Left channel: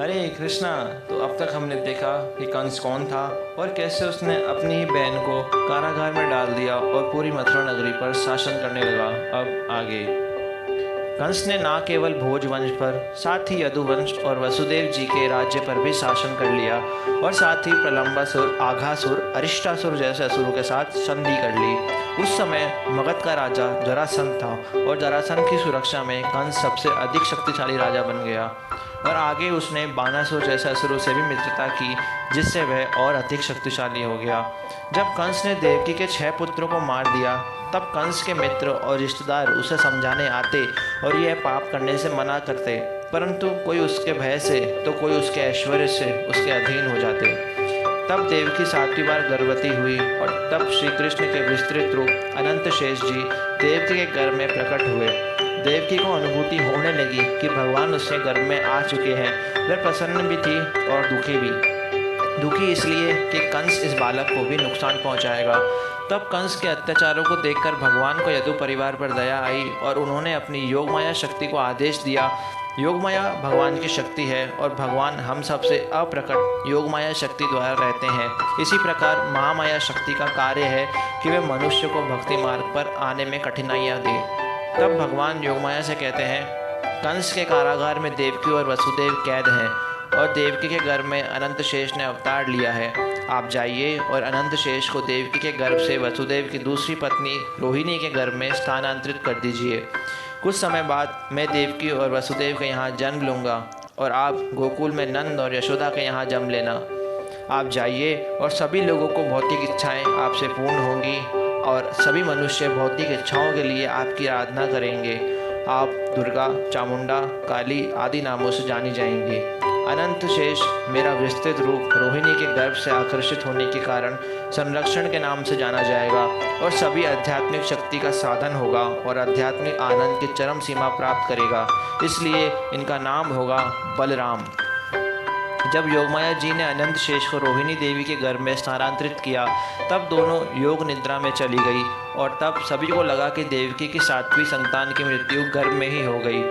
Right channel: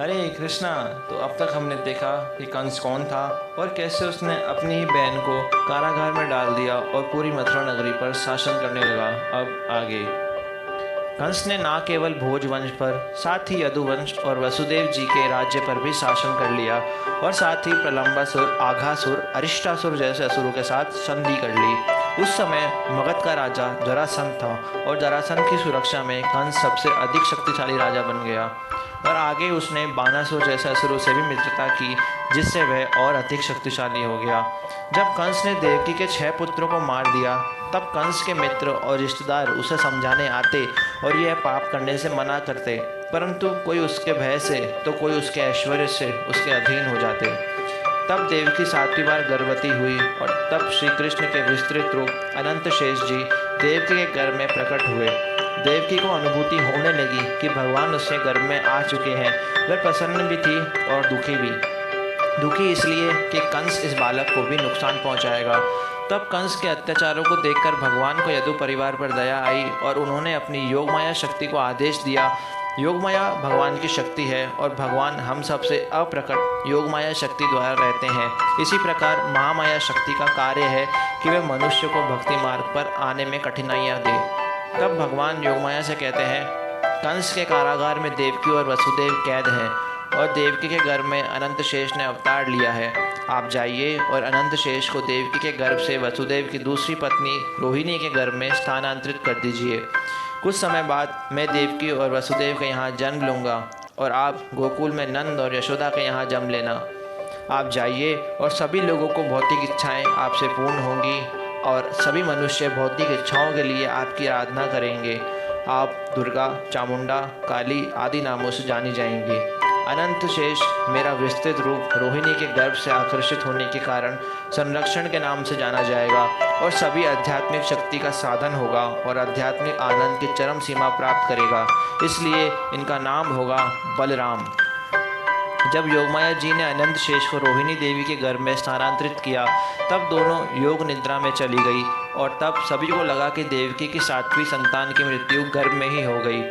हरे कृष्णा। तो अब तक हमने देखा कि कंस कौन था और कैसे उसने अपनी ही बहन को कारागार में डाल दिया और पूरी मथुरा नगरी पर शासन करने लगा। अब आगे कंस ने ना केवल भोजवंश पर, साथ ही यदुवंश और वसुदेव जी के राज्य पर भी शासन कर लिया और साथ ही प्रलंबासुर, आघासुर, अरिष्टासुर जैसे असुरों के साथ संधि कर ली। उस समय मगध का राजा जरासंध था और जरासंध की सुरक्षा में कंस सबसे अधिक शक्तिशाली राजा बन गया और आगे उसने बानासुर जैसे असुरों से भी मित्रता की, जिससे वह और अधिक शक्तिशाली हो गया। जब कंस ने देवकी के 6 पुत्रों को मार दिया, तब कंस के मित्र और रिश्तेदार उसे समझाने आते और यह पाप करने से मना करते, परंतु कोई उसके भय से तो कोई उसके ऐश्वर्य से उसके अधीन हो जाते। तब देवकी 7वीं बार गर्भवती हुई और तब श्री कृष्ण के विस्तृत रूप अनंत शेष जी देवकी के गर्भ में प्रकट हुए। देवकी को अनुभूति होने लगी कि भगवान उसके गर्भ में आ चुके हैं। वह प्रसन्न भी थी और दुखी भी। दुखी इसलिए कि कंस इस बालक को भी नुकसान पहुंचाएगा। तब कंस के अत्याचारों को देखकर भगवान को यदु परिवार पर दया आई और उन्होंने अपनी योगमाया शक्ति को आदेश दिया। योगमाया भगवान की शक्ति है और भगवान हम सबसे अप्रकट योगमाया शक्ति द्वारा रहते हैं। इसी प्रकार महामाया शक्ति का कार्य है कि वे मनुष्य को भक्ति मार्ग पर आने में कठिनाइयाँ दे। तब भगवान योगमाया से कहते हैं, कंस के कारागार में देवकी और वसुदेव कैद हैं और देवकी के गर्भ में अनंत शेष ने अवतार लिया है। आप जाइए और अनंत शेष को देवकी के गर्भ से वसुदेव की दूसरी पत्नी रोहिणी के गर्भ में स्थानांतरित कर दीजिए। कुछ समय बाद मैं देवकी और वसुदेव के यहाँ जन्म लूँगा और आप गोकुल में नंद और यशोदा के यहाँ जन्म लेना। आप जाइए और सभी लोगों को भौतिक इच्छाएं आपसे पूर्ण होंगी और सभी मनुष्य भौतिक इच्छाओं के लिए आपकी आराधना करेंगे। आप दुर्गा, चामुंडा, काली आदि नामों से जानी जाएंगी। अनंत शेष मेरा विस्तृत रूप रोहिणी के गर्भ से आकर्षित होने के कारण संरक्षण के नाम से जाना जाएगा और सभी आध्यात्मिक शक्ति का साधन होगा और आध्यात्मिक आनंद की चरम सीमा प्राप्त करेगा। इसलिए इनका नाम होगा बलराम। जब योगमाया जी ने अनंत शेष को रोहिणी देवी के गर्भ में स्थानांतरित किया, तब दोनों योग निद्रा में चली गई और तब सभी को लगा कि देवकी की 7वीं संतान की मृत्यु गर्भ में ही हो गई।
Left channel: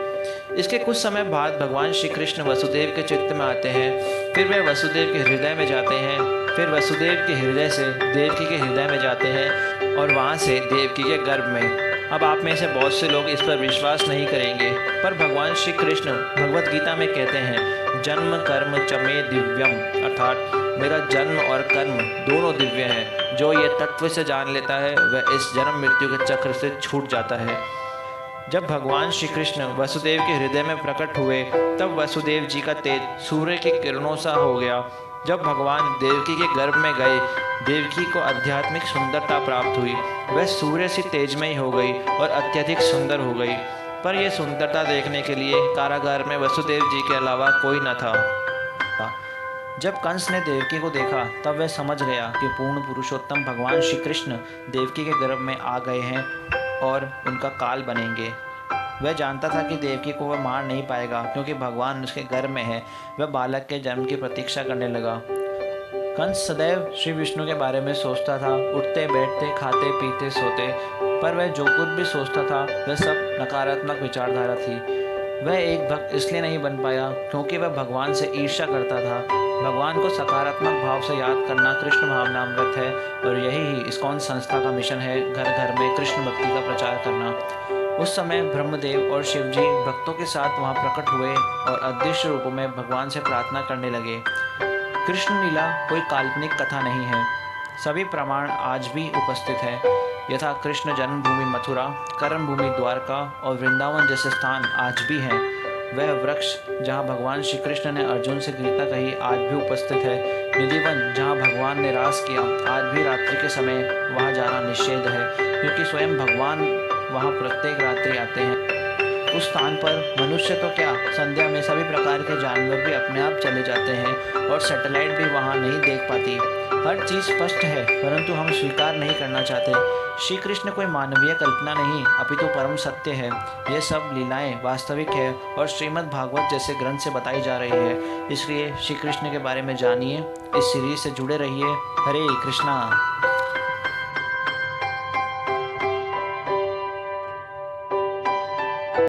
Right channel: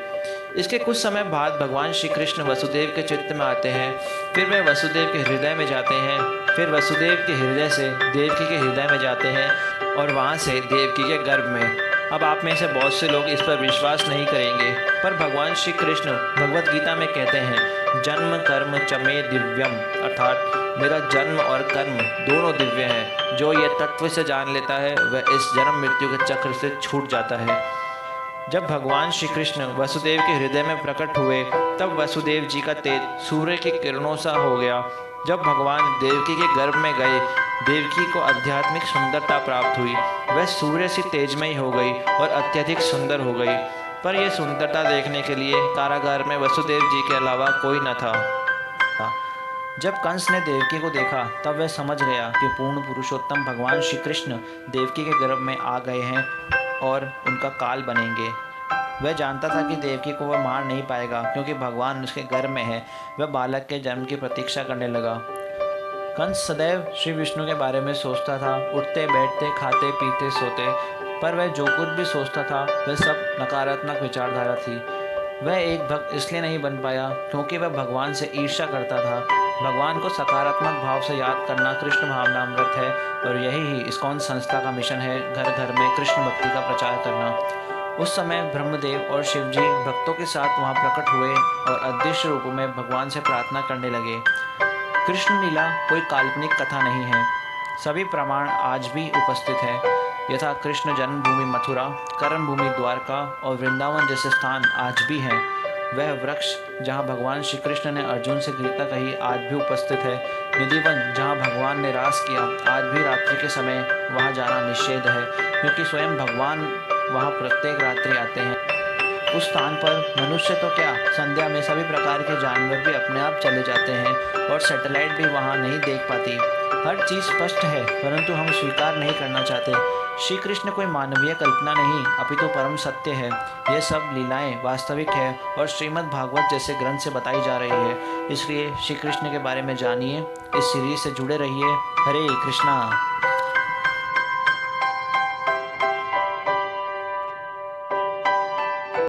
इसके कुछ समय बाद भगवान श्री कृष्ण वसुदेव के चित्त में आते हैं, फिर वे वसुदेव के हृदय में जाते हैं, फिर वसुदेव के हृदय से देवकी के हृदय में जाते हैं और वहाँ से देवकी के गर्भ में। अब आप में से बहुत से लोग इस पर विश्वास नहीं करेंगे, पर भगवान श्री कृष्ण भगवत गीता में कहते हैं, जन्म कर्म चमे दिव्यम, अर्थात मेरा जन्म और कर्म दोनों दिव्य हैं। जो ये तत्व से जान लेता है वह इस जन्म मृत्यु के चक्र से छूट जाता है। जब भगवान श्री कृष्ण वसुदेव के हृदय में प्रकट हुए, तब वसुदेव जी का तेज सूर्य की किरणों सा हो गया। जब भगवान देवकी के गर्भ में गए, देवकी को आध्यात्मिक सुंदरता प्राप्त हुई। वह सूर्य सी तेजमयी हो गई और अत्यधिक सुंदर हो गई। पर यह सुंदरता देखने के लिए कारागार में वसुदेव जी के अलावा कोई न था। जब कंस ने देवकी को देखा, तब वह समझ गया कि पूर्ण पुरुषोत्तम भगवान श्री कृष्ण देवकी के गर्भ में आ गए हैं और उनका काल बनेंगे। वह जानता था कि देवकी को वह मार नहीं पाएगा, क्योंकि भगवान उसके गर्भ में है। वह बालक के जन्म की प्रतीक्षा करने लगा। कंस सदैव श्री विष्णु के बारे में सोचता था, उठते बैठते, खाते पीते सोते, पर वह जो कुछ भी सोचता था वह सब नकारात्मक विचारधारा थी। वह एक भक्त इसलिए नहीं बन पाया क्योंकि वह भगवान से ईर्ष्या करता था। भगवान को सकारात्मक भाव से याद करना कृष्ण भावनामृत है और यही ही इस्कॉन संस्था का मिशन है, घर घर में कृष्ण भक्ति का प्रचार करना। उस समय ब्रह्मदेव और शिवजी भक्तों के साथ वहां प्रकट हुए और अदृश्य रूपों में भगवान से प्रार्थना करने लगे। कृष्ण लीला कोई काल्पनिक कथा नहीं है, सभी प्रमाण आज भी उपस्थित है। यथा कृष्ण जन्मभूमि मथुरा, कर्मभूमि द्वारका और वृंदावन जैसे स्थान आज भी हैं। वह वृक्ष जहाँ भगवान श्री कृष्ण ने अर्जुन से गीता कही आज भी उपस्थित है। निधिवन जहाँ भगवान ने रास किया, आज भी रात्रि के समय वहाँ जाना निषेध है, क्योंकि स्वयं भगवान वहाँ प्रत्येक रात्रि आते हैं। उस स्थान पर मनुष्य तो क्या, संध्या में सभी प्रकार के जानवर भी अपने आप चले जाते हैं और सैटेलाइट भी वहाँ नहीं देख पाती। हर चीज़ स्पष्ट है, परंतु हम स्वीकार नहीं करना चाहते। श्री कृष्ण कोई मानवीय कल्पना नहीं, अपितु परम सत्य है। ये सब लीलाएं वास्तविक है और श्रीमद् भागवत जैसे ग्रंथ से बताई जा रही है। इसलिए श्री कृष्ण के बारे में जानिए, इस सीरीज से जुड़े रहिए। हरे कृष्णा।